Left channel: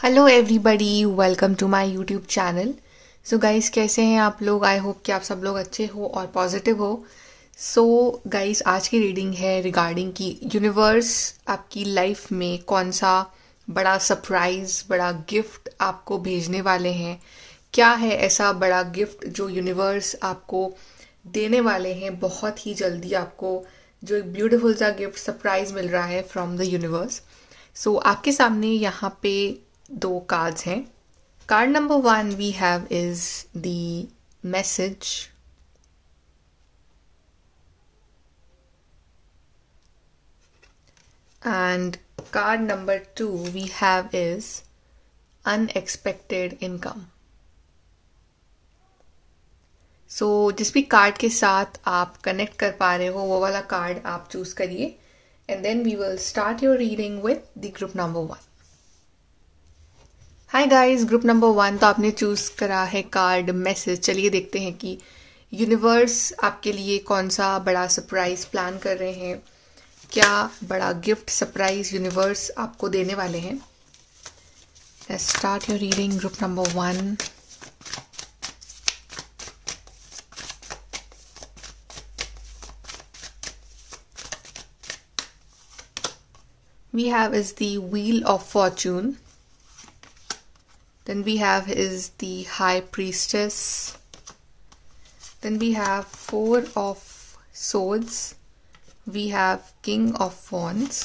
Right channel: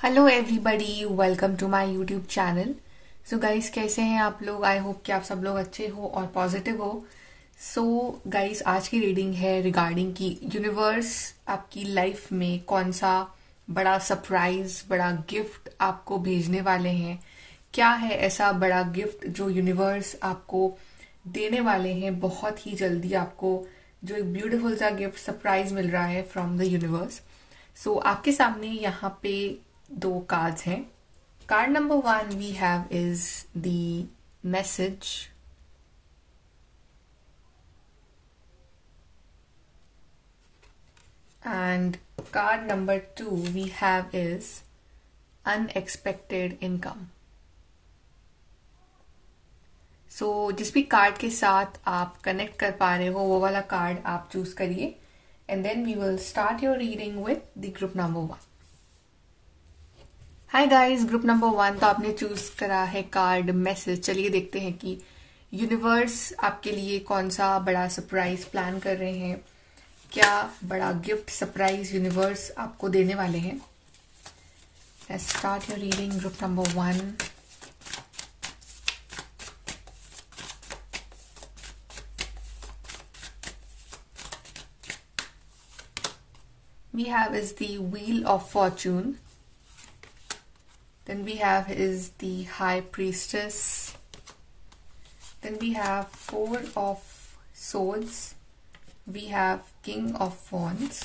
Hello everybody, welcome to my YouTube channel. So guys, कैसे हैं आप लोग? आई होप कि आप सब लोग अच्छे हो और पॉजिटिव हो। सो गाइस, आज की रीडिंग है रिगार्डिंग कि यूनिवर्स आपकी लाइफ में कौन सा बड़ा सरप्राइज, बड़ा गिफ्ट आपको भेजने वाले हैं। क्या है ऐसा बड़ा गिफ्ट जो यूनिवर्स आपको देने वाले हैं बहुत ही जल्दी। आपको जो एक ब्यूटीफुल सा गिफ्ट सरप्राइज मिल रहा है फ्रॉम द यूनिवर्स। सो आपके सामने यहाँ पे दो कार्ड्स हैं। Card number 1 we have is the message, and card number 2 we have is unexpected income. So जिस भी कार्ड के साथ आप कनेक्ट कर पा रहे हो वो वाला कार्ड आप चूज करिए, and then we will start your reading with the group number 1। Hi guys, group number 1 तो आपने चूज करा है कार्ड मैसेज। चलिए देखते हैं कि यूनिवर्स आपके लिए कौन सा बड़ा सरप्राइज प्लान कर रहे हैं। क्या बड़ा गिफ्ट सरप्राइज यूनिवर्स आपको देने वाले हैं। Let's start your reading group number 1। We have is the Wheel of Fortune. Then we have is the High Priestess. Then we have Four of Swords. We have King of Wands.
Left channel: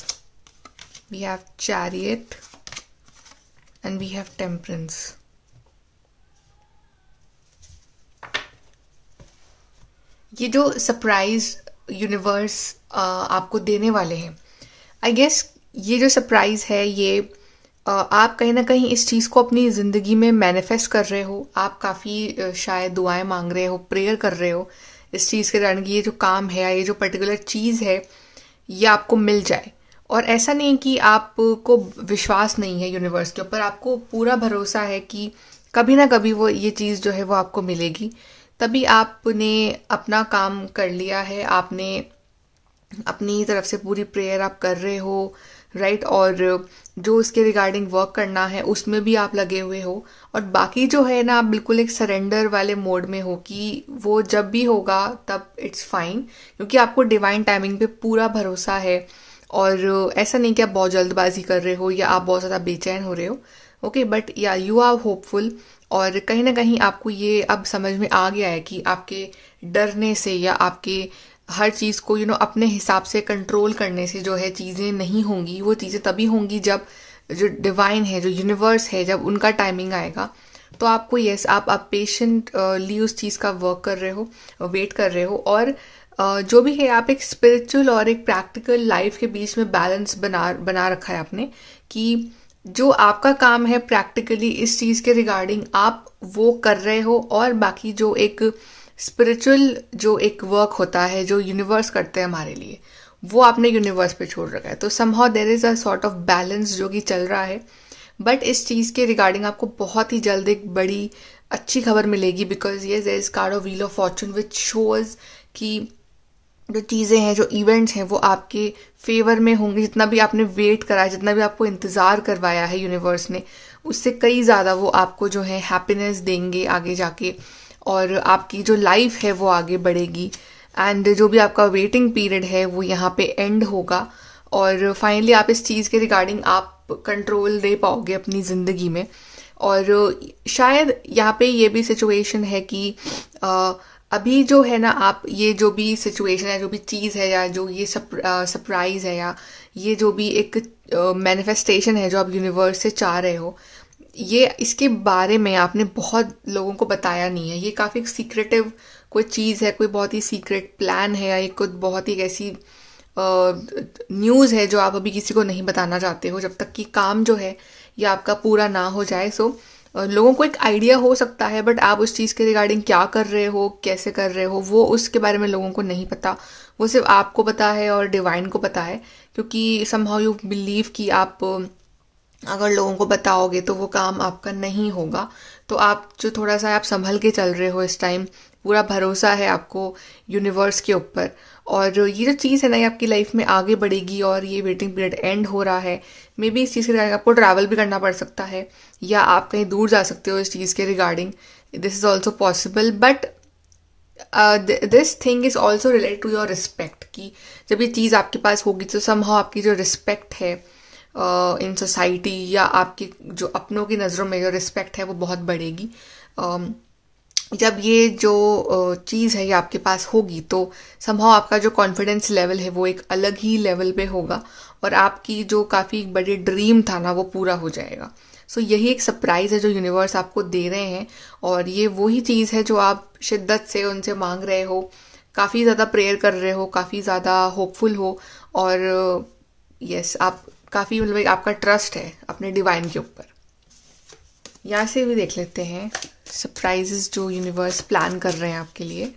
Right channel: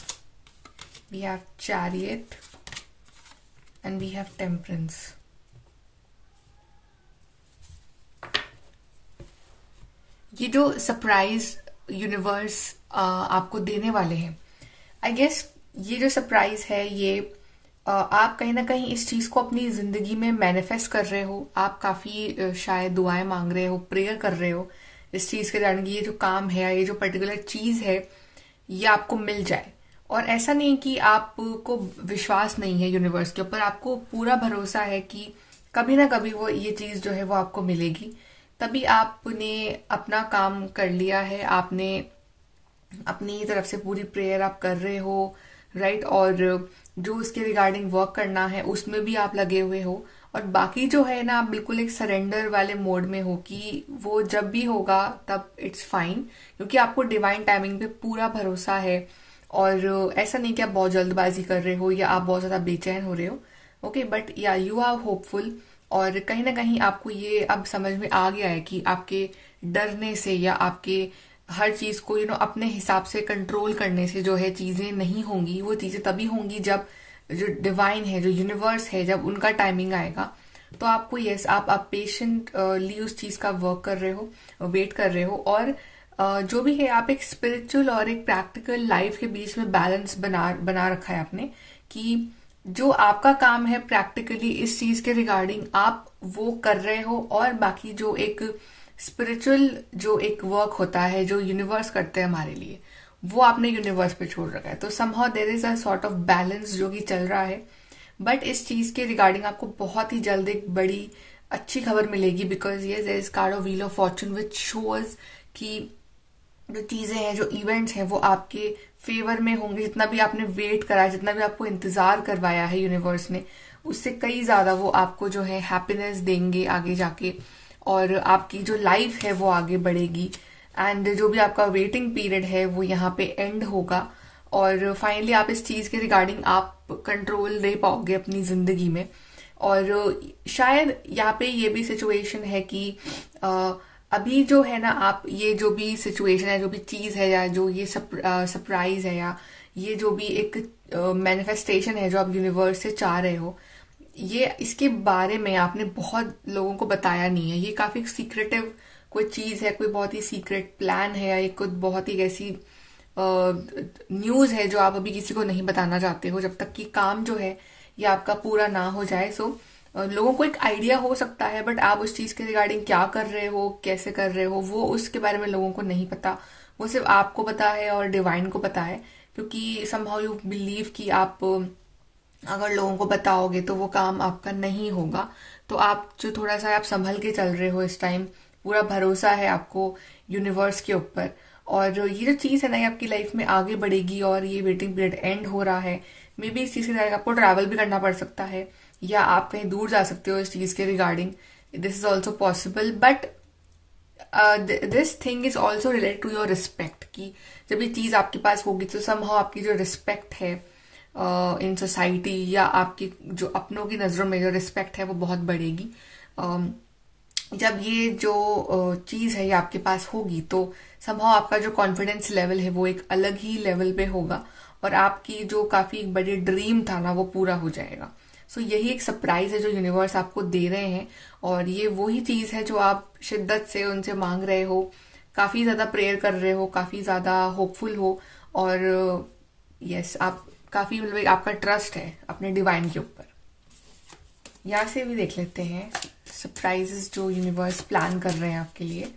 We have Chariot. And we have Temperance. ये जो surprise universe आपको देने वाले हैं, I guess ये जो surprise है ये आप कहीं ना कहीं इस चीज को अपनी जिंदगी में मैनिफेस्ट कर रहे हो। आप काफी शायद दुआएं मांग रहे हो, प्रेयर कर रहे हो इस चीज के कारण कि ये जो काम है, ये जो पर्टिकुलर चीज है, ये आपको मिल जाए। और ऐसा नहीं कि आपको विश्वास नहीं है यूनिवर्स के ऊपर, आपको पूरा भरोसा है कि कभी ना कभी वो ये चीज जो है वो आपको मिलेगी। तभी आपने अपना काम कर लिया है, आपने अपनी तरफ से पूरी प्रेयर आप कर रहे हो, राइट। और जो उसके रिगार्डिंग वर्क करना है उसमें भी आप लगे हुए हो, और बाकी जो है ना आप बिल्कुल एक सरेंडर वाले मोड में हो कि वो जब भी होगा तब इट्स फाइन, क्योंकि आपको डिवाइन टाइमिंग पे पूरा भरोसा है। और ऐसा नहीं कि आप बहुत जल्दबाजी कर रहे हो या आप बहुत ज्यादा बेचैन हो रहे हो, ओके, बट या यू आर होपफुल। और कहीं ना कहीं आपको ये अब समझ में आ गया है कि आपके डरने से या आपके हर चीज को अपने हिसाब से कंट्रोल करने से जो है चीजें नहीं होंगी। वो चीजें तभी होंगी जब जो डिवाइन है, जो यूनिवर्स है, जब उनका टाइमिंग आएगा। तो आपको यस, आप पेशेंटली उस चीज का वर्क कर रहे हो, वेट कर रहे हो। और जो भी है आप एक स्पिरिचुअल और एक प्रैक्टिकल लाइफ के बीच में बैलेंस बना रखा है आपने, कि जो आपका काम है प्रैक्टिकली इस चीज के रिगार्डिंग आप वो कर रहे हो, और बाकी जो एक स्पिरिचुअल जो एक वर्क होता है जो यूनिवर्स करते हैं हमारे लिए, वो आपने यूनिवर्स पे छोड़ रखा है। तो somehow there is a sort of balance जो कि चल रहा है। बट इस चीज के रिगार्डिंग आपको बहुत ही जल्द एक बड़ी अच्छी खबर मिलेगी, बिकॉज ये there is card of wheel of fortune which shows कि जो चीजें हैं, जो इवेंट्स हैं, वो आपके फेवर में होंगे। जितना भी आपने वेट करा है, जितना भी आपको इंतजार करवाया है यूनिवर्स ने, उससे कई ज्यादा वो आपको जो है हैप्पीनेस देंगे आगे जाके, और आपकी जो लाइफ है वो आगे बढ़ेगी। एंड जो भी आपका वेटिंग पीरियड है वो यहाँ पे एंड होगा, और फाइनली आप इस चीज के रिगार्डिंग आप कंट्रोल ले पाओगे अपनी जिंदगी में। और शायद यहाँ पे ये भी सिचुएशन है कि अभी जो है ना, आप ये जो भी सिचुएशन है, जो भी चीज है, या जो ये सरप्राइज है, या ये जो भी एक मैनिफेस्टेशन है जो आप यूनिवर्स से चाह रहे हो, ये इसके बारे में आपने बहुत लोगों को बताया नहीं है। ये काफी सीक्रेटिव कोई चीज है, कोई बहुत ही सीक्रेट प्लान है, या एक कोई बहुत ही ऐसी न्यूज है जो आप अभी किसी को नहीं बताना चाहते हो जब तक कि काम जो है ये आपका पूरा ना हो जाए। सो लोगों को एक आइडिया हो सकता है, बट आप उस चीज के रिगार्डिंग क्या कर रहे हो, कैसे कर रहे हो, वो उसके बारे में लोगों को नहीं पता। वो सिर्फ आपको पता है और डिवाइन को पता है, क्योंकि समहाउ यू बिलीव कि आप अगर लोगों को बताओगे तो वो काम आपका नहीं होगा। तो आप जो थोड़ा सा आप संभल के चल रहे हो इस टाइम, पूरा भरोसा है आपको यूनिवर्स के ऊपर, और ये जो चीज़ है ना ये आपकी लाइफ में आगे बढ़ेगी, और ये वेटिंग पीरियड एंड हो रहा है। मे बी इस चीज़ के रिगार्डिंग आपको ट्रैवल भी करना पड़ सकता है, या आप कहीं दूर जा सकते हो इस चीज़ के regarding, this is also possible. But this thing is also related to your respect, कि जब ये चीज़ आपके पास होगी तो समहाउ आपकी जो रिस्पेक्ट है इन सोसाइटी, या आपकी जो अपनों की नज़रों में जो रिस्पेक्ट है वो बहुत बढ़ेगी। जब ये जो चीज़ है ये आपके पास होगी तो समहाउ आपका जो कॉन्फिडेंस लेवल है वो एक अलग ही लेवल पे होगा, और आपकी जो काफ़ी बड़ी ड्रीम था ना वो पूरा हो जाएगा। सो यही एक सरप्राइज है जो यूनिवर्स आपको दे रहे हैं, और ये वही चीज़ है जो आप शिद्दत से उनसे मांग रहे हो, काफ़ी ज़्यादा प्रेयर कर रहे हो, काफ़ी ज़्यादा होपफुल हो, और यस आप काफ़ी मतलब आपका ट्रस्ट है अपने डिवाइन के ऊपर। यहाँ से भी देख लेते हैं सरप्राइजेस जो यूनिवर्स प्लान कर रहे हैं आपके लिए।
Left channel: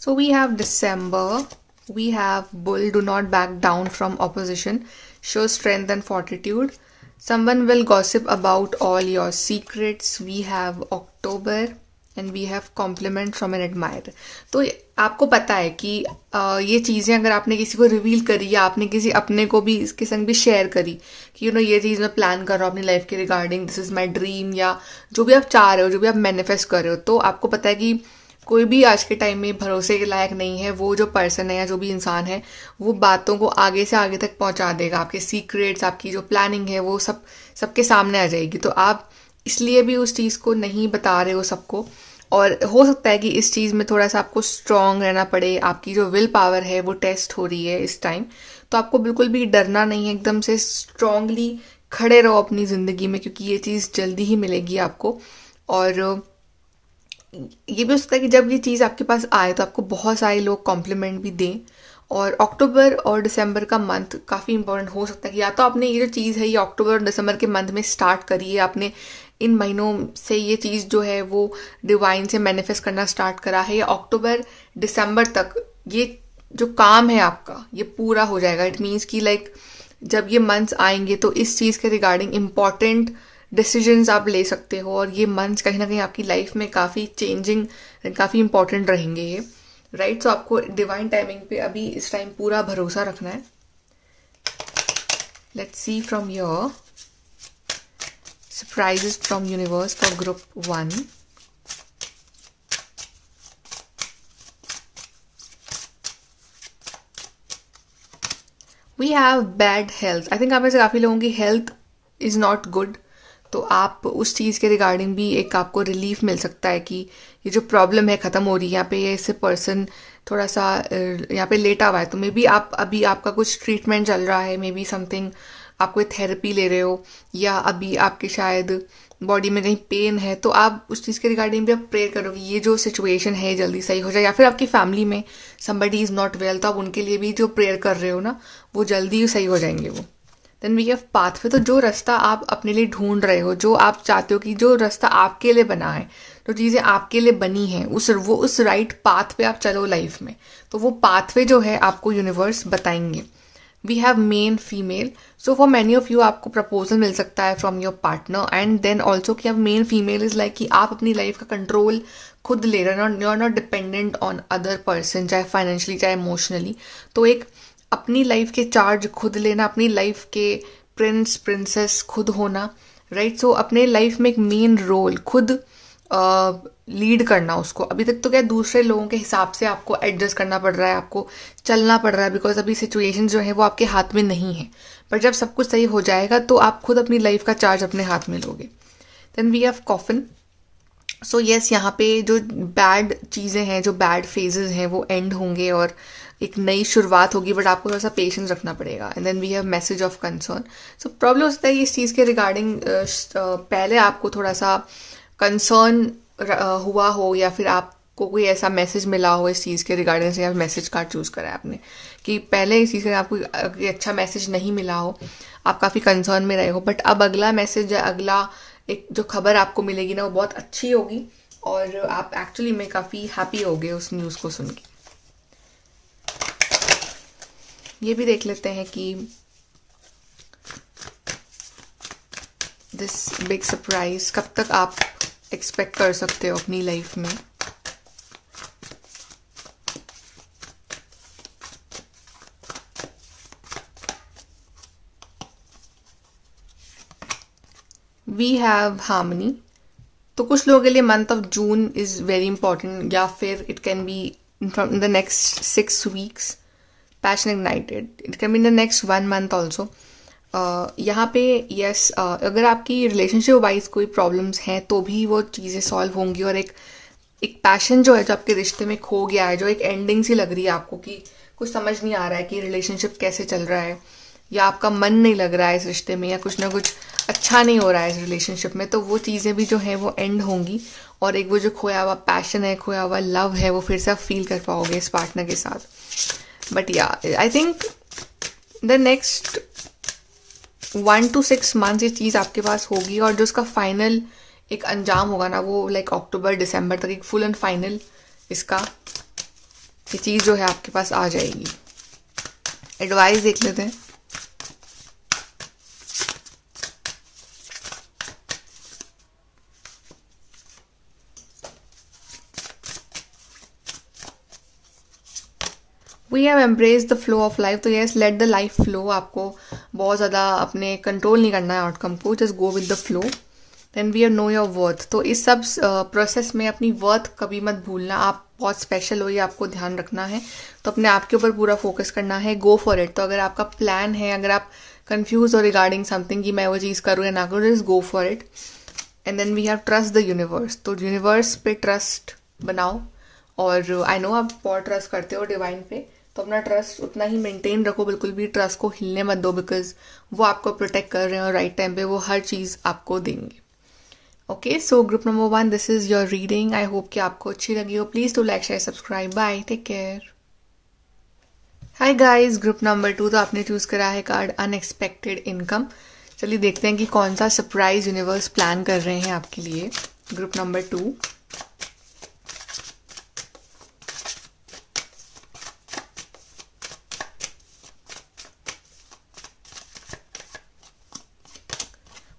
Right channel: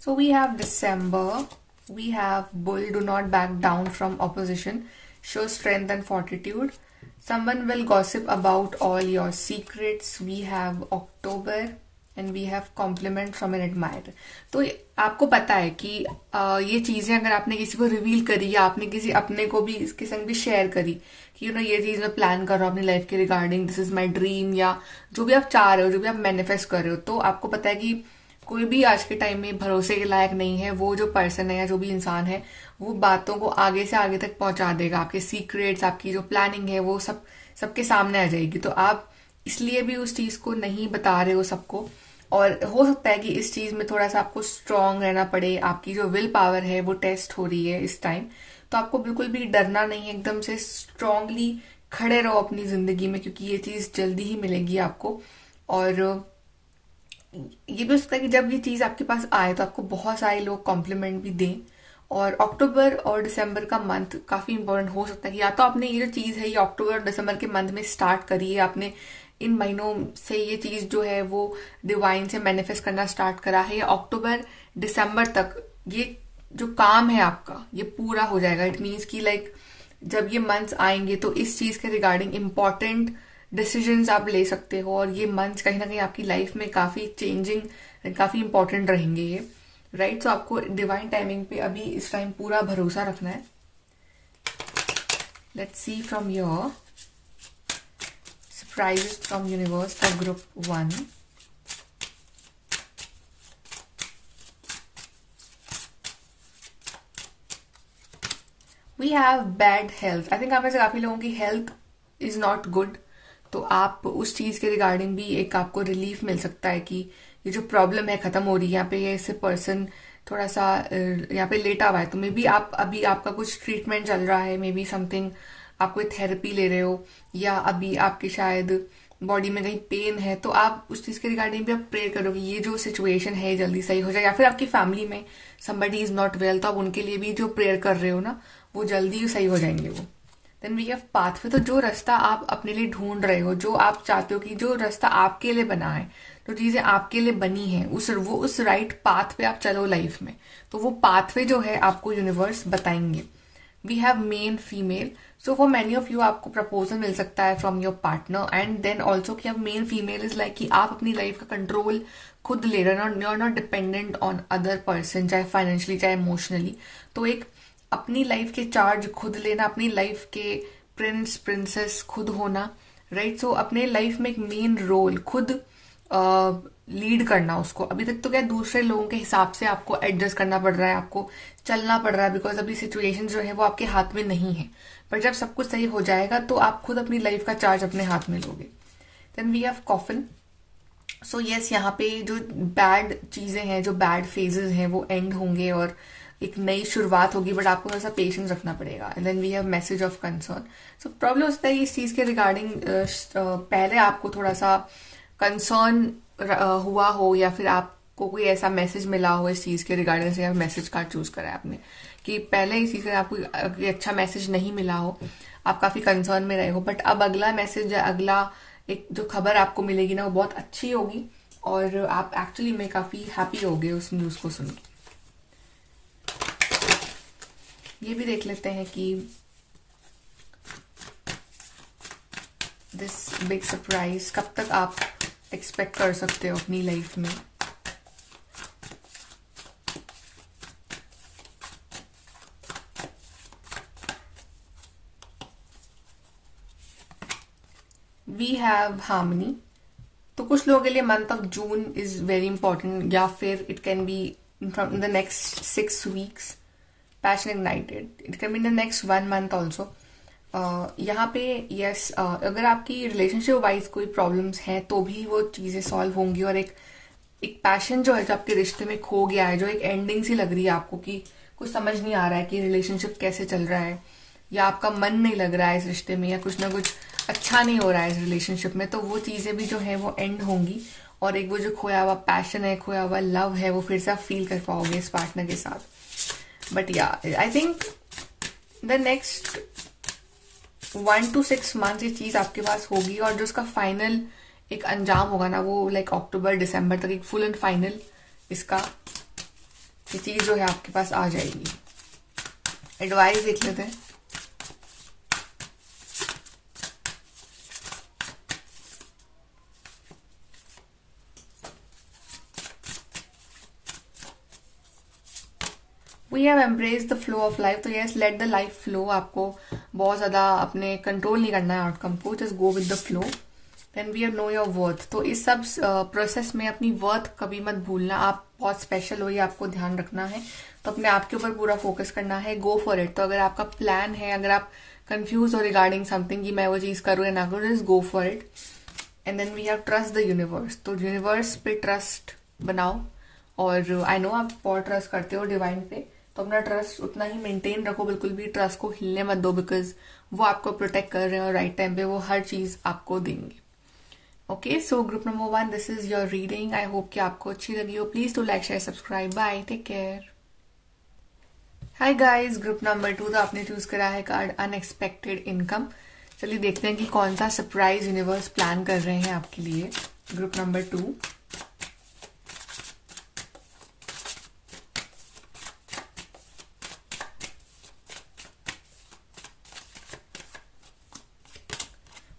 So we have December, we have Bull, do not back down from opposition, show strength and fortitude. Someone will gossip about all your secrets. We have October and we have compliment from an admirer. तो आपको पता है कि ये चीज़ें अगर आपने किसी को रिवील करी, या आपने किसी अपने को भी इसके संग भी शेयर करी कि ये चीज़ मैं प्लान कर रहा हूँ अपनी लाइफ के regarding, this is my dream, या जो भी आप चाह रहे हो, जो भी आप मैनिफेस्ट कर रहे हो, तो आपको पता है कि कोई भी आज के टाइम में भरोसे के लायक नहीं है। वो जो पर्सन है या जो भी इंसान है वो बातों को आगे से आगे तक पहुंचा देगा, आपके सीक्रेट्स, आपकी जो प्लानिंग है वो सबके सामने आ जाएगी। तो आप इसलिए भी उस चीज़ को नहीं बता रहे हो सबको, और हो सकता है कि इस चीज़ में थोड़ा सा आपको स्ट्रांग रहना पड़े, आपकी जो विल पावर है वो टेस्ट हो रही है इस टाइम। तो आपको बिल्कुल भी डरना नहीं है, एकदम से स्ट्रांगली खड़े रहो अपनी ज़िंदगी में, क्योंकि ये चीज़ जल्दी ही मिलेगी आपको। और ये भी हो सकता है कि जब ये चीज़ आपके पास आए तो आपको बहुत सारे लोग कॉम्प्लीमेंट भी दें। और अक्टूबर और दिसंबर का मंथ काफ़ी इंपॉर्टेंट हो सकता है कि या तो आपने ये जो चीज़ है ये अक्टूबर और दिसंबर के मंथ में स्टार्ट करी है, आपने इन महीनों से ये चीज़ जो है वो डिवाइन से मैनिफेस्ट करना स्टार्ट करा है, या अक्टूबर दिसंबर तक ये जो काम है आपका ये पूरा हो जाएगा। इट मीन्स कि लाइक जब ये मंथ्स आएंगे तो इस चीज़ के रिगार्डिंग इम्पॉर्टेंट डिसीजंस आप ले सकते हो, और ये मंथ्स कहीं ना कहीं आपकी लाइफ में काफ़ी चेंजिंग, काफ़ी इंपॉर्टेंट रहेंगे ये, राइट। सो आपको डिवाइन टाइमिंग पे अभी इस टाइम पूरा भरोसा रखना है। Let's see from your surprises from universe for group 1। We have bad health. I think आप में से काफ़ी लोगों की हेल्थ इज़ नॉट गुड, तो आप उस चीज़ के रिगार्डिंग भी एक आपको रिलीफ मिल सकता है कि ये जो प्रॉब्लम है ख़त्म हो रही है। यहाँ पे ये पर्सन थोड़ा सा यहाँ पे लेटा हुआ है, तो मे बी आप अभी आपका कुछ ट्रीटमेंट चल रहा है, मे बी समथिंग आप कोई थेरेपी ले रहे हो, या अभी आपके शायद बॉडी में कहीं पेन है, तो आप उस चीज़ के रिगार्डिंग भी आप प्रेयर करो कि ये जो सिचुएशन है जल्दी सही हो जाए। या फिर आपकी फैमिली में समबडी इज़ नॉट वेल, तो आप उनके लिए भी जो प्रेयर कर रहे हो ना वो जल्दी सही हो जाएंगे वो। Then we have pathway. तो जो रास्ता आप अपने लिए ढूंढ रहे हो, जो आप चाहते हो कि जो रास्ता आपके लिए बना है, जो चीज़ें आपके लिए बनी हैं, उस राइट पाथ पे आप चलो लाइफ में, तो वो पाथवे जो है आपको यूनिवर्स बताएंगे। We have men female. So for many of you आपको प्रपोजल मिल सकता है from your partner, and then also कि अब मेन फीमेल इज लाइक कि आप अपनी लाइफ का कंट्रोल खुद ले रहे हो, you are not dependent on other person, चाहे फाइनेंशियली चाहे इमोशनली। तो एक अपनी लाइफ के चार्ज खुद लेना, अपनी लाइफ के प्रिंस प्रिंसेस खुद होना, राइट। सो अपने लाइफ में एक मेन रोल खुद लीड करना उसको। अभी तक तो क्या दूसरे लोगों के हिसाब से आपको एडजस्ट करना पड़ रहा है, आपको चलना पड़ रहा है, बिकॉज अभी सिचुएशन जो है वो आपके हाथ में नहीं है। पर जब सब कुछ सही हो जाएगा तो आप खुद अपनी लाइफ का चार्ज अपने हाथ में लोगे। Then we have coffin. So yes, यहाँ पे जो बैड चीज़ें हैं, जो बैड फेजेस हैं वो एंड होंगे और एक नई शुरुआत होगी, बट आपको थोड़ा सा पेशेंस रखना पड़ेगा। And then we have message of concern. So problem हो सकता है कि इस चीज़ के रिगार्डिंग पहले आपको थोड़ा सा कंसर्न हुआ हो, या फिर आपको कोई ऐसा मैसेज मिला हो इस चीज़ के रिगार्डिंग से, या मैसेज कार्ड चूज करा है आपने कि पहले इस चीज़ का आपको अच्छा मैसेज नहीं मिला हो, आप काफ़ी कंसर्न में रहे हो, बट अब अगला मैसेज या अगला एक जो खबर आपको मिलेगी ना वो बहुत अच्छी होगी, और आप एक्चुअली में काफ़ी हैप्पी होगे उस न्यूज़ को सुन के। ये भी देख लेते हैं कि दिस बिग सरप्राइज कब तक आप एक्सपेक्ट कर सकते हो अपनी लाइफ में? We have harmony. तो कुछ लोगों के लिए month of June is very important, या फिर it can be in the next 6 weeks passion ignited, it can be in the next 1 month also. यहाँ पे यस, अगर आपकी रिलेशनशिप वाइज कोई प्रॉब्लम्स हैं तो भी वो चीज़ें सॉल्व होंगी, और एक पैशन जो है जो आपके रिश्ते में खो गया है, जो एक एंडिंग सी लग रही है आपको कि कुछ समझ नहीं आ रहा है कि रिलेशनशिप कैसे चल रहा है, या आपका मन नहीं लग रहा है इस रिश्ते में, या कुछ ना कुछ अच्छा नहीं हो रहा है इस रिलेशनशिप में, तो वो चीज़ें भी जो है वो एंड होंगी, और एक वो जो खोया हुआ पैशन है, खोया हुआ लव है, वो फिर से आप फील कर पाओगे इस पार्टनर के साथ। बट या I think the next 1 to 6 months ये चीज़ आपके पास होगी, और जो उसका फाइनल एक अंजाम होगा ना, वो लाइक अक्टूबर दिसंबर तक एक फुल एंड फाइनल इसका ये चीज़ जो है आपके पास आ जाएगी। एडवाइस देख लेते हैं। We have embrace the flow of life. तो yes, let the life flow. आपको बहुत ज़्यादा अपने कंट्रोल नहीं करना है आउटकम को, just go with the flow. Then we have know your worth. तो इस सब प्रोसेस में अपनी वर्थ कभी मत भूलना। आप बहुत स्पेशल हो, ये आपको ध्यान रखना है। तो अपने आप के ऊपर पूरा फोकस करना है, गो फॉर इट। तो अगर आपका प्लान है, अगर आप कंफ्यूज हो रिगार्डिंग समथिंग कि मैं वो चीज़ करूँ या ना करूँ, just go for it. And then we have trust the universe. तो यूनिवर्स पे ट्रस्ट बनाओ, और आई नो आप बहुत ट्रस्ट करते हो डिवाइन पे, तो अपना ट्रस्ट उतना ही मेंटेन रखो, बिल्कुल भी ट्रस्ट को हिलने मत दो, बिकॉज वो आपको प्रोटेक्ट कर रहे हैं और राइट टाइम पे वो हर चीज़ आपको देंगे। Okay, so group number 1, this is your reading. I hope कि आपको अच्छी लगी हो। Please to like, share, subscribe. Bye, take care. Hi guys, group number 2, तो आपने चूज करा है कार्ड अनएक्सपेक्टेड इनकम। चलिए देखते हैं कि कौन सा सरप्राइज यूनिवर्स प्लान कर रहे हैं आपके लिए। Group number 2,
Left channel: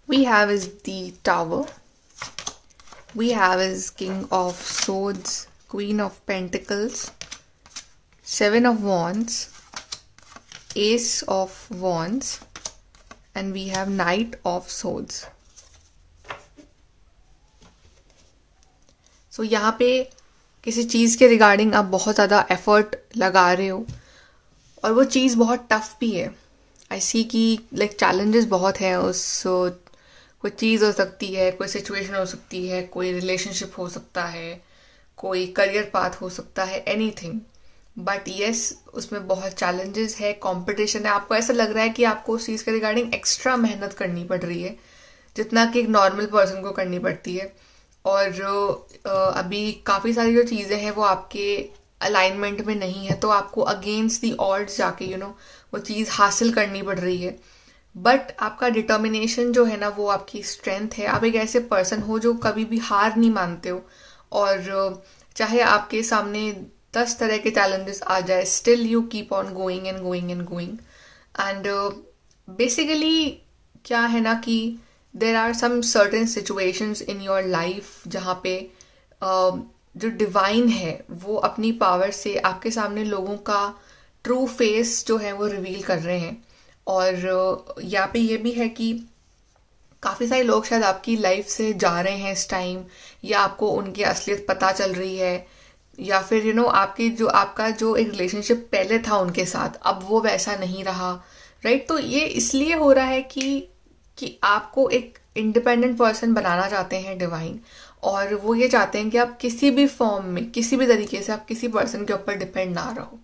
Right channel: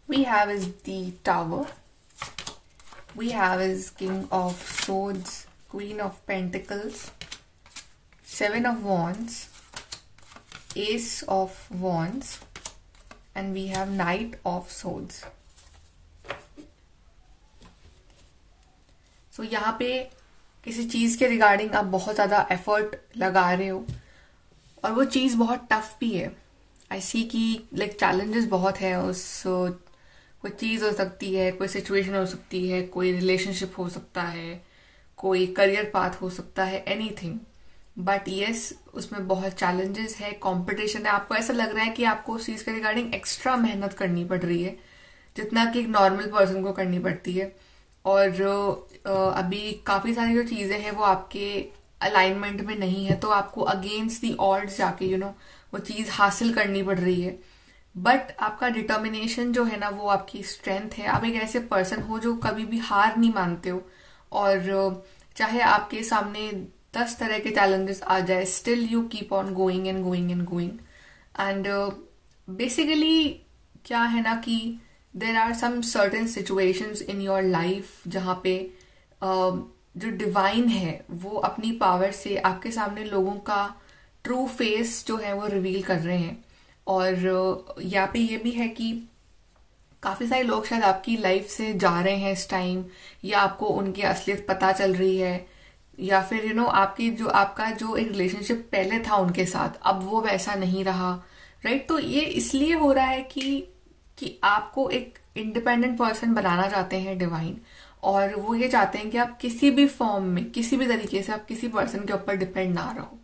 we have is the Tower, we have is King of Swords, Queen of Pentacles, 7 of Wands, Ace of Wands, and we have Knight of Swords. So यहाँ पे किसी चीज़ के regarding आप बहुत ज़्यादा एफर्ट लगा रहे हो, और वो चीज़ बहुत टफ भी है। आई सी कि लाइक चैलेंजेस बहुत है उस, कोई चीज़ हो सकती है, कोई सिचुएशन हो सकती है, कोई रिलेशनशिप हो सकता है, कोई करियर पाथ हो सकता है, एनीथिंग। बट येस, उसमें बहुत चैलेंजेस है, कंपटीशन है। आपको ऐसा लग रहा है कि आपको उस चीज़ के रिगार्डिंग एक्स्ट्रा मेहनत करनी पड़ रही है, जितना कि एक नॉर्मल पर्सन को करनी पड़ती है। और अभी काफ़ी सारी जो चीज़ें हैं वो आपके अलाइनमेंट में नहीं है, तो आपको अगेंस्ट दी ऑड्स जाके वो चीज़ हासिल करनी पड़ रही है। बट आपका डिटर्मिनेशन जो है ना, वो आपकी स्ट्रेंथ है। आप एक ऐसे पर्सन हो जो कभी भी हार नहीं मानते हो, और चाहे आपके सामने 10 तरह के चैलेंजेस आ जाए, still you keep on going and going and going. And basically क्या है ना कि there are some certain situations in your life जहाँ पे जो डिवाइन है वो अपनी पावर से आपके सामने लोगों का ट्रू फेस जो है वो रिवील कर रहे हैं। और यहाँ पे ये भी है कि काफ़ी सारे लोग शायद आपकी लाइफ से जा रहे हैं इस टाइम, या आपको उनकी असलियत पता चल रही है, या फिर आपका जो एक रिलेशनशिप पहले था उनके साथ, अब वो वैसा नहीं रहा, राइट। तो ये इसलिए हो रहा है कि आपको एक इंडिपेंडेंट पर्सन बनाना चाहते हैं डिवाइन, और वो ये चाहते हैं कि आप किसी भी फॉर्म में, किसी भी तरीके से आप किसी पर्सन के ऊपर डिपेंड ना रहो।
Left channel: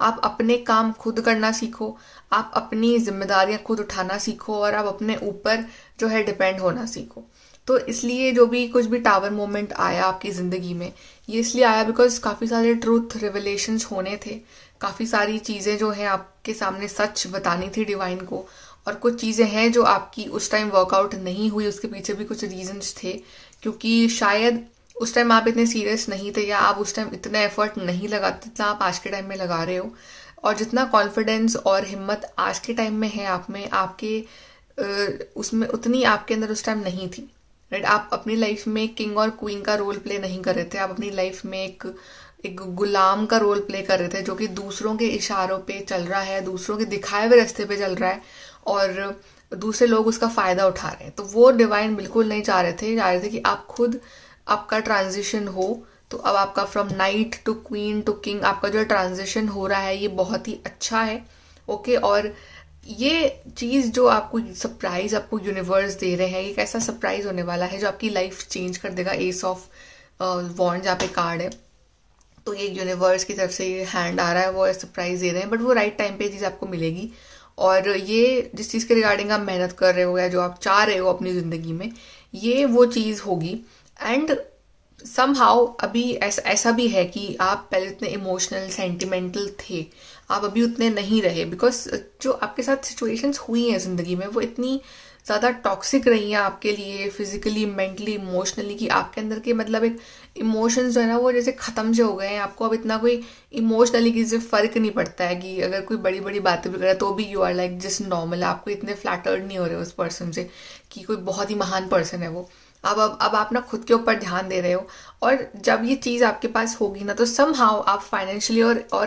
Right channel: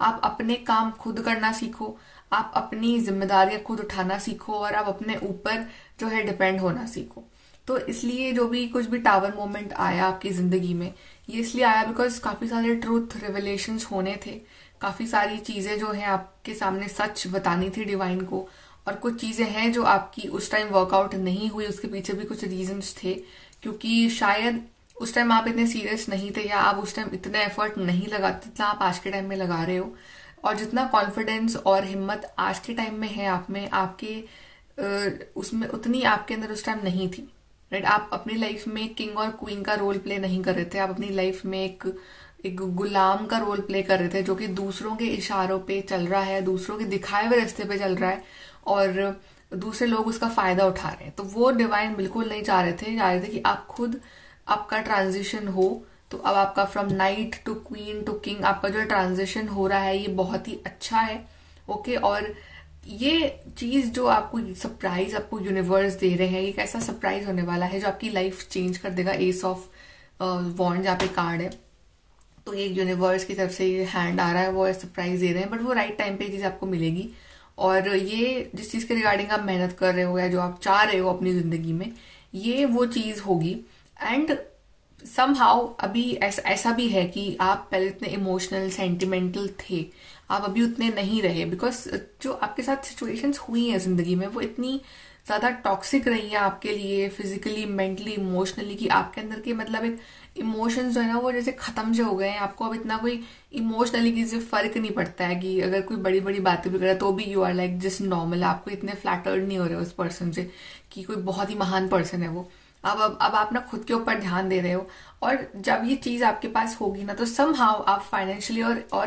आप अपने काम खुद करना सीखो, आप अपनी जिम्मेदारियां खुद उठाना सीखो, और आप अपने ऊपर जो है डिपेंड होना सीखो। तो इसलिए जो भी कुछ भी टावर मोमेंट आया आपकी जिंदगी में, ये इसलिए आया बिकॉज काफी सारे ट्रूथ रिवलेशंस होने थे, काफी सारी चीजें जो है आपके सामने सच बतानी थी डिवाइन को, और कुछ चीजें हैं जो आपकी उस टाइम वर्कआउट नहीं हुई। उसके पीछे भी कुछ रीजंस थे, क्योंकि शायद उस टाइम आप इतने सीरियस नहीं थे, या आप उस टाइम इतने एफर्ट नहीं लगाते जितना आप आज के टाइम में लगा रहे हो। और जितना कॉन्फिडेंस और हिम्मत आज के टाइम में है आप में, आपके उसमें उतनी आपके अंदर उस टाइम नहीं थी, राइट। आप अपनी लाइफ में किंग और क्वीन का रोल प्ले नहीं कर रहे थे, आप अपनी लाइफ में एक गुलाम का रोल प्ले कर रहे थे, जो कि दूसरों के इशारों पे चल रहा है, दूसरों के दिखाए हुए रास्ते पे चल रहा है, और दूसरे लोग उसका फायदा उठा रहे हैं। तो वो डिवाइन बिल्कुल नहीं चाह रहे थे कि आप खुद, आपका ट्रांजिशन हो। तो अब आपका from knight to queen to king, आपका जो ट्रांजिशन हो रहा है ये बहुत ही अच्छा है, ओके। और ये चीज जो आपको सरप्राइज आपको यूनिवर्स दे रहे हैं, एक ऐसा सरप्राइज होने वाला है जो आपकी लाइफ चेंज कर देगा। एस ऑफ वॉन्ड जहाँ पे कार्ड है, तो ये यूनिवर्स की तरफ से ये हैंड आ रहा है, वो सरप्राइज दे रहे हैं, बट वो राइट टाइम पे चीज आपको मिलेगी। और ये जिस चीज के रिगार्डिंग आप मेहनत कर रहे हो या जो आप चाह रहे हो अपनी जिंदगी में, ये वो चीज होगी। एंड समहाउ अभी ऐसा भी है कि आप पहले इतने इमोशनल सेंटिमेंटल थे, आप अभी उतने नहीं रहे, बिकॉज जो आपके साथ सिचुएशंस हुई हैं जिंदगी में वो इतनी ज्यादा टॉक्सिक रही हैं आपके लिए, फिजिकली, मेंटली, इमोशनली, कि आपके अंदर के मतलब एक इमोशंस जो है ना वो जैसे खत्म से हो गए हैं। आपको अब इतना कोई इमोशनली किसी से फर्क नहीं पड़ता है कि अगर कोई बड़ी बड़ी बातें भी करे तो भी you are like just normal. आपको इतने फ्लैटर्ड नहीं हो रहे उस पर्सन से कि कोई बहुत ही महान पर्सन है वो। अब आप ना खुद के ऊपर ध्यान दे रहे हो, और जब ये चीज आपके पास होगी ना तो समहाउ आप फाइनेंशियली और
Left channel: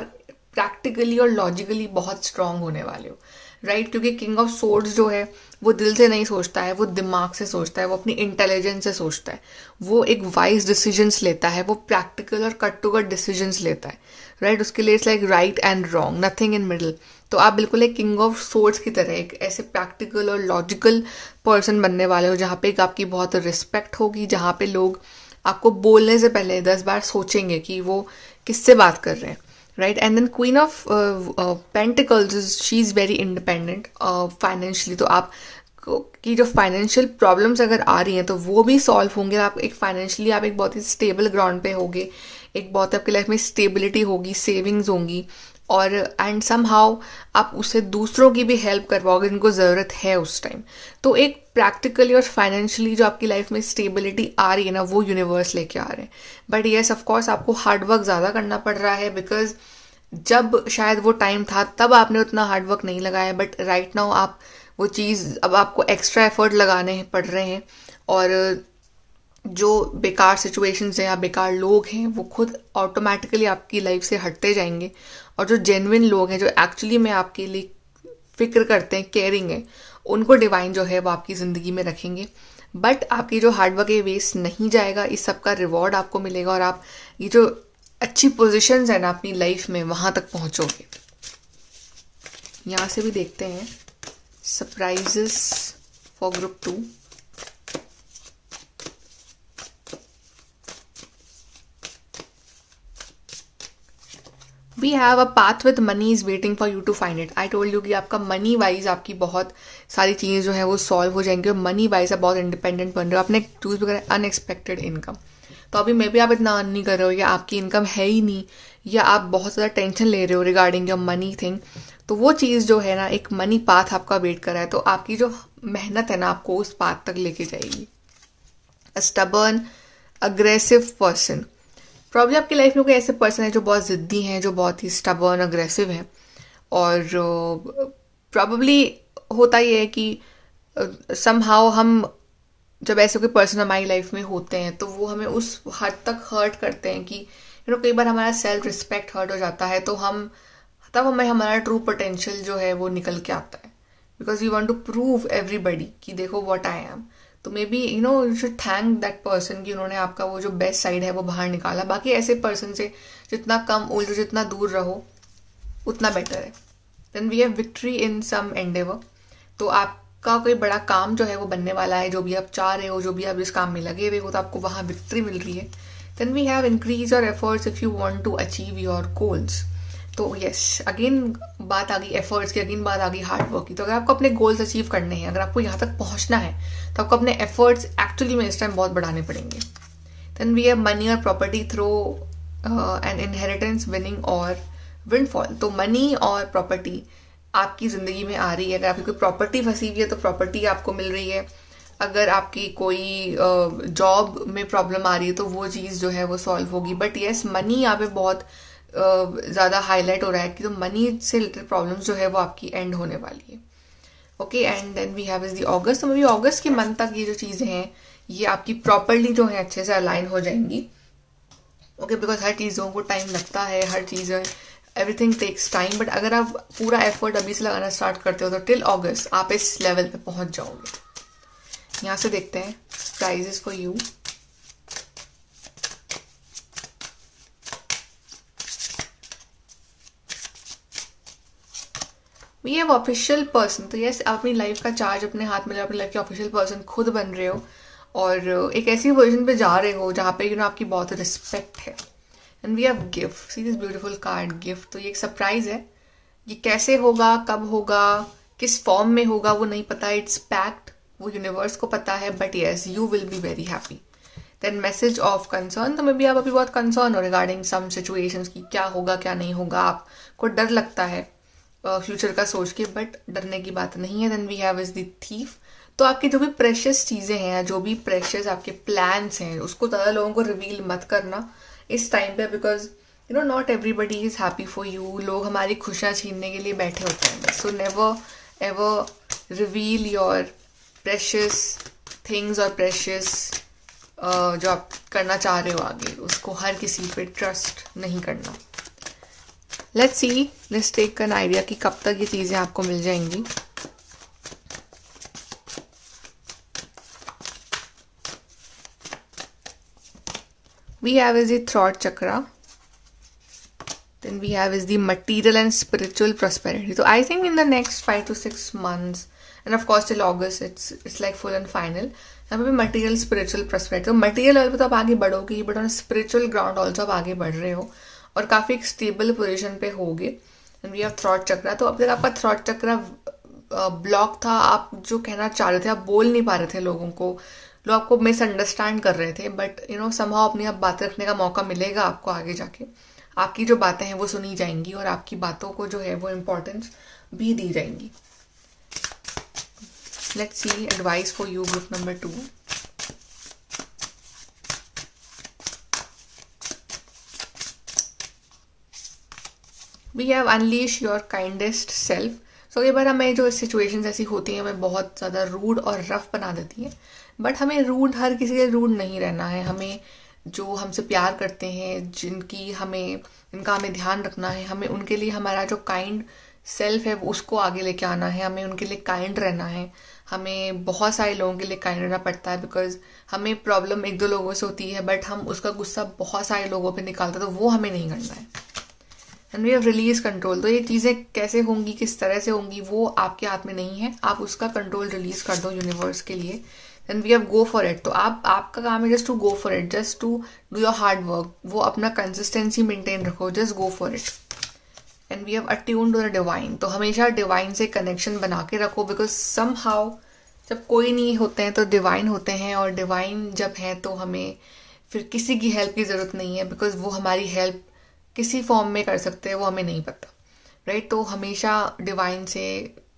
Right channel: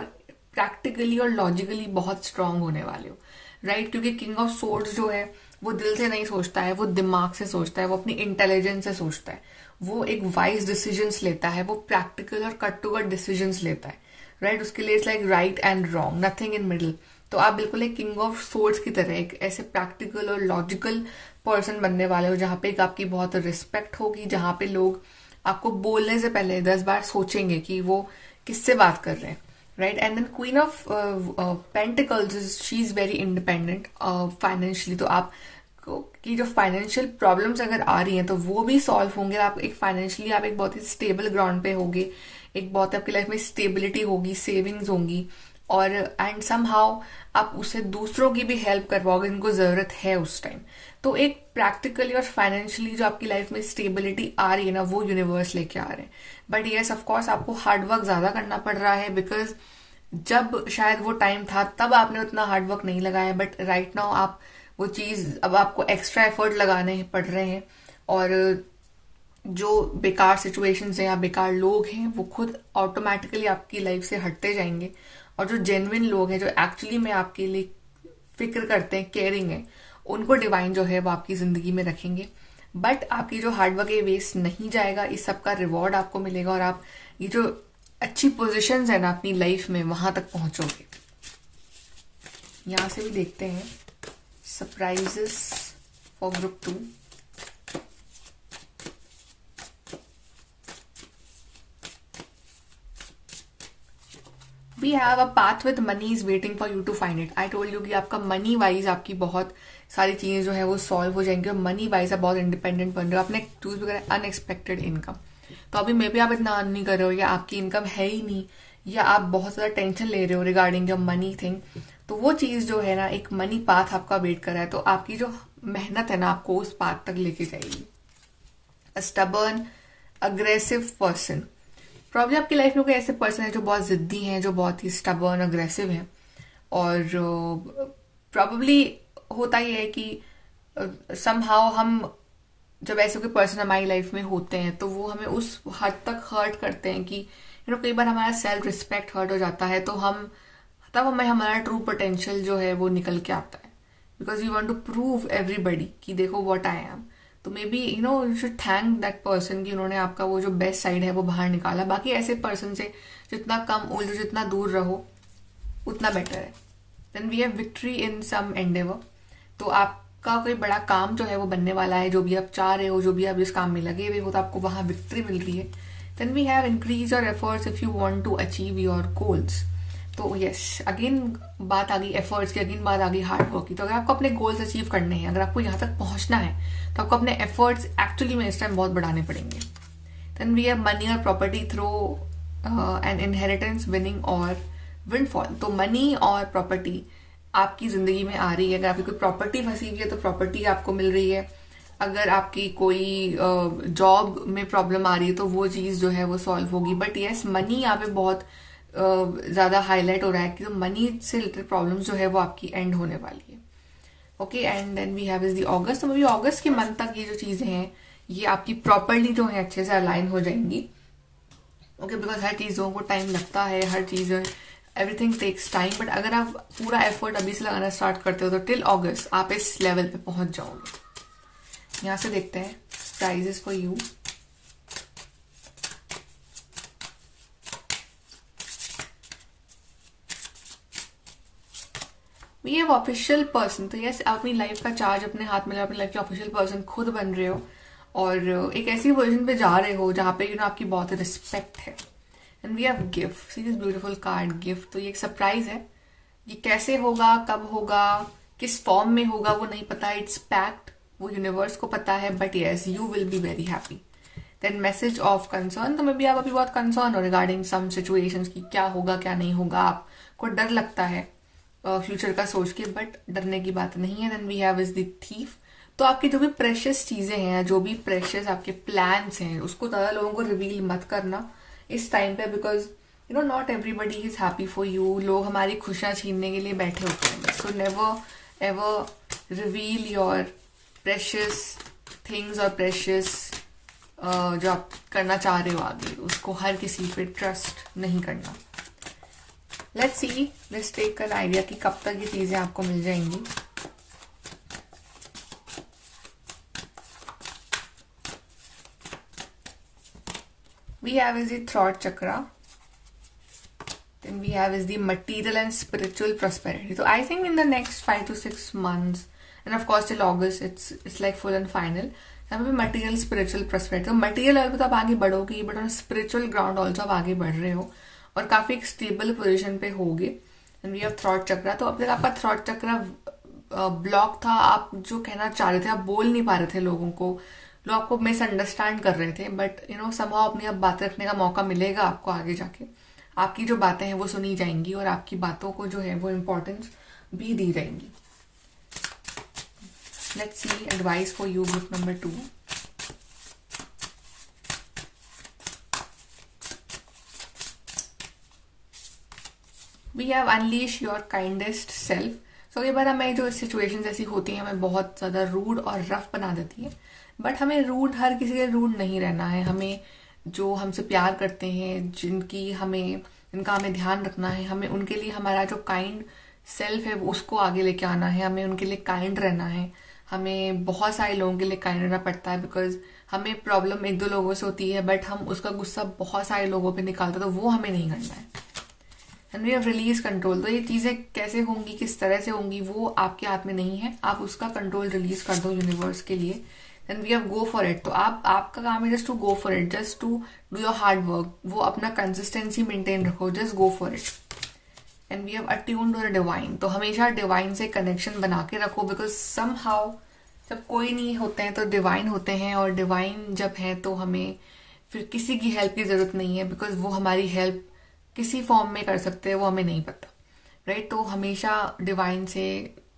प्रैक्टिकली और लॉजिकली बहुत स्ट्रांग होने वाले हो, राइट। क्योंकि किंग ऑफ सोर्ड्स जो है वो दिल से नहीं सोचता है, वो दिमाग से सोचता है, वो अपनी इंटेलिजेंस से सोचता है, वो एक वाइज डिसीजंस लेता है, वो प्रैक्टिकल और कट टू कट डिसीजंस लेता है, राइट। उसके लिए it's like right and wrong, nothing in middle. तो आप बिल्कुल एक किंग ऑफ सोर्ड्स की तरह एक ऐसे प्रैक्टिकल और लॉजिकल पर्सन बनने वाले हो, जहाँ पे एक आपकी बहुत रिस्पेक्ट होगी, जहाँ पे लोग आपको बोलने से पहले 10 बार सोचेंगे कि वो किससे बात कर रहे हैं, right. And then queen of pentacles, she is very independent financially. तो आप की जो फाइनेंशियल प्रॉब्लम्स अगर आ रही हैं तो वो भी सॉल्व होंगे। आप एक फाइनेंशियली आप एक बहुत ही स्टेबल ग्राउंड पे होगे, एक बहुत आपकी लाइफ में स्टेबिलिटी होगी, सेविंग्स होंगी, और एंड समहाउ आप उससे दूसरों की भी हेल्प करवाओगे जिनको जरूरत है उस टाइम। तो एक प्रैक्टिकली और फाइनेंशियली जो आपकी लाइफ में स्टेबिलिटी आ रही है ना वो यूनिवर्स लेके आ रहे हैं। बट येस ऑफकोर्स आपको हार्डवर्क ज्यादा करना पड़ रहा है, बिकॉज जब शायद वो टाइम था तब आपने उतना हार्डवर्क नहीं लगाया, बट राइट नाउ आप वो चीज अब आपको एक्स्ट्रा एफर्ट लगाने पड़ रहे हैं। और जो बेकार सिचुएशंस हैं या बेकार लोग हैं वो खुद ऑटोमेटिकली आपकी लाइफ से हटते जाएंगे, और जो जेन्युइन लोग हैं जो एक्चुअली में आपके लिए फिक्र करते हैं, केयरिंग है, उनको डिवाइन जो है वो आपकी जिंदगी में रखेंगे। बट आपकी जो हार्डवर्क है वेस्ट नहीं जाएगा, इस सब का रिवॉर्ड आपको मिलेगा, और आप ये जो अच्छी पोजीशंस है ना अपनी लाइफ में वहां तक पहुंचोगे। यहां से भी देखते हैं surprises for group 2। We have a path with money is waiting for you to find it. I told you कि आपका मनी वाइज आपकी बहुत सारी चीजें जो है वो सॉल्व हो जाएंगी, और मनी वाइज आप बहुत इंडिपेंडेंट बन रहे हो। आपने चूज वगैरह अनएक्सपेक्टेड इनकम, तो अभी मे भी आप इतना अर्न नहीं कर रहे हो, या आपकी इनकम है ही नहीं, या आप बहुत ज्यादा टेंशन ले रहे हो रिगार्डिंग योर मनी थिंग। तो वो चीज जो है ना, एक मनी पाथ आपका वेट कर रहा है, तो आपकी जो मेहनत है ना आपको उस पाथ तक लेके जाएगी। स्टबर्न अग्रेसिव पर्सन, प्रॉब्लम आपकी लाइफ में कोई ऐसे पर्सन है जो बहुत जिद्दी हैं, जो बहुत ही स्टबर्न अग्रेसिव है, और प्रॉब्लली होता ही है कि समहाउ हम जब ऐसे कोई पर्सन हमारी लाइफ में होते हैं तो वो हमें उस हद तक हर्ट करते हैं कि कई बार हमारा सेल्फ रिस्पेक्ट हर्ट हो जाता है, तो तब हमें हमारा ट्रू पोटेंशियल जो है वो निकल के आता है, because you want to prove everybody कि देखो व्हाट आई एम। तो maybe you should thank that person कि उन्होंने आपका वो जो बेस्ट साइड है वो बाहर निकाला। बाकी ऐसे पर्सन से जितना कम उलझो, जितना दूर रहो उतना बेटर है। Then we have victory in some endeavour, तो आपका कोई बड़ा काम जो है वो बनने वाला है, जो भी आप चाह रहे हो, जो भी आप इस काम में लगे हुए हो, तो आपको वहां विक्ट्री मिल रही है। Then we have increase your efforts if you want to achieve your goals. तो यस, अगेन बात आ गई एफर्ट्स की, अगेन बात आ गई हार्डवर्क की। तो अगर आपको अपने गोल्स अचीव करने हैं, अगर आपको यहाँ तक पहुंचना है, तो आपको अपने एफर्ट्स एक्चुअली में इस टाइम बहुत बढ़ाने पड़ेंगे। देन वी हैव मनी और property through an inheritance, winning और विंडफॉल। तो मनी और प्रॉपर्टी आपकी जिंदगी में आ रही है। अगर आपकी कोई प्रॉपर्टी फंसी हुई है तो प्रॉपर्टी आपको मिल रही है। अगर आपकी कोई जॉब में प्रॉब्लम आ रही है तो वो चीज जो है वो सॉल्व होगी। बट यस, मनी यहाँ पे बहुत ज्यादा हाईलाइट हो रहा है कि तो मनी से रिलेटेड प्रॉब्लम्स जो है वो आपकी एंड होने वाली है। Okay, and then we have is the August. तो मे बी अगस्त के मंथ तक ये जो चीजें हैं ये आपकी प्रॉपरली जो है अच्छे से अलाइन हो जाएंगी। ओके, बिकॉज हर चीजों को टाइम लगता है, हर चीज एवरीथिंग टेक्स टाइम, बट अगर आप पूरा एफर्ट अभी से लगाना स्टार्ट करते हो तो टिल अगस्त आप इस लेवल पे पहुंच जाओगे। यहां से देखते हैं surprises for you. We have official person. तो यस, आप अपनी लाइफ का चार्ज अपने हाथ में, अपनी लाइफ के ऑफिशियल पर्सन खुद बन रहे हो और एक ऐसी वर्जन पे जा रहे हो जहां पे आपकी बहुत रिस्पेक्ट है। And we have gift. See this beautiful card, gift. तो ये एक सरप्राइज है। ये कैसे होगा, कब होगा, किस फॉर्म में होगा वो नहीं पता, इट्स पैक्ड, वो यूनिवर्स को पता है, but yes you will be very happy. Then message of concern. तो मे बी आप अभी बहुत कंसर्न हो रिगार्डिंग सम सिचुएशंस की क्या होगा क्या नहीं होगा, आपको डर लगता है फ्यूचर का सोच के, बट डरने की बात नहीं है। Then we have is the thief. तो आपकी जो भी प्रेशियस चीजें हैं, जो भी प्रेशियस आपके प्लान्स हैं, उसको ज्यादा लोगों को रिवील मत करना इस टाइम पे, because you know not everybody is happy for you. लोग हमारी खुशियां छीनने के लिए बैठे होते हैं बस। So never ever reveal your precious things और प्रेशियस जो आप करना चाह रहे हो आगे, उसको हर किसी पे ट्रस्ट नहीं करना। Let's see, let's take an idea कि कब तक ये चीजें आपको मिल जाएंगी। We have is the throat chakra. Then we have is the material and spiritual prosperity. So I think in the next 5 to 6 months, and of course till August, it's like full and final. यहाँ पे material spiritual prosperity. तो material level पे तो आप आगे बढ़ोगे, but on spiritual ground also आप आगे बढ़ रहे हो और काफी एक स्टेबल पोजीशन पे होगे। And we have throat chakra. तो अब तक आपका throat chakra ब्लॉक था, आप जो कहना चाह रहे थे आप बोल नहीं पा रहे थे लोगों को, लोग आपको मिसअंडरस्टैंड कर रहे थे, बट यू नो समहाउ अपनी अब बात रखने का मौका मिलेगा आपको आगे जाके। आपकी जो बातें हैं वो सुनी जाएंगी और आपकी बातों को जो है वो इम्पोर्टेंस भी दी जाएंगी। Let's see advice for you group number 2। We have unleash your kindest self. So कई बार हमें जो सिचुएशंस ऐसी होती हैं हमें बहुत ज्यादा रूड और रफ बना देती है, बट हमें रूड, हर किसी के रूड नहीं रहना है। हमें जो हमसे प्यार करते हैं, जिनका हमें ध्यान रखना है, हमें उनके लिए हमारा जो काइंड सेल्फ है वो उसको आगे लेके आना है। हमें उनके लिए काइंड रहना है। हमें बहुत सारे लोगों के लिए काइंड रहना पड़ता है, बिकॉज हमें प्रॉब्लम 1-2 लोगों से होती है, बट हम उसका गुस्सा बहुत सारे लोगों पे निकालते हैं, तो वो हमें नहीं करना है। And we have release control. तो ये चीजें कैसे होंगी, किस तरह से होंगी, वो आपके हाथ में नहीं है। आप उसका कंट्रोल रिलीज कर दो यूनिवर्स के लिए। Then we have go for it. तो आपका काम है just to go for it, just to do your hard work. वो अपना कंसिस्टेंसी मेंटेन रखो, just go for it. And we have attuned to the divine. तो हमेशा डिवाइन से कनेक्शन बना के रखो, बिकॉज समहाउ जब कोई नहीं होते हैं तो डिवाइन होते हैं, और डिवाइन जब है तो हमें फिर किसी की हेल्प की जरूरत नहीं है, बिकॉज वो हमारी हेल्प किसी फॉर्म में कर सकते हैं वो हमें नहीं पता, राइट। तो हमेशा डिवाइन से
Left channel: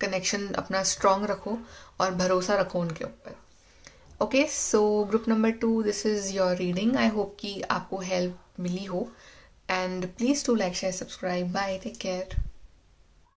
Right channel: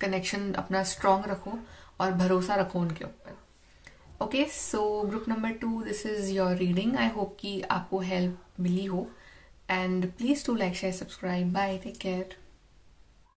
कनेक्शन अपना स्ट्रांग रखो और भरोसा रखो उनके ऊपर। Okay, so group number 2, this is your reading. I hope कि आपको हेल्प मिली हो, and please to like share subscribe. Bye, take care.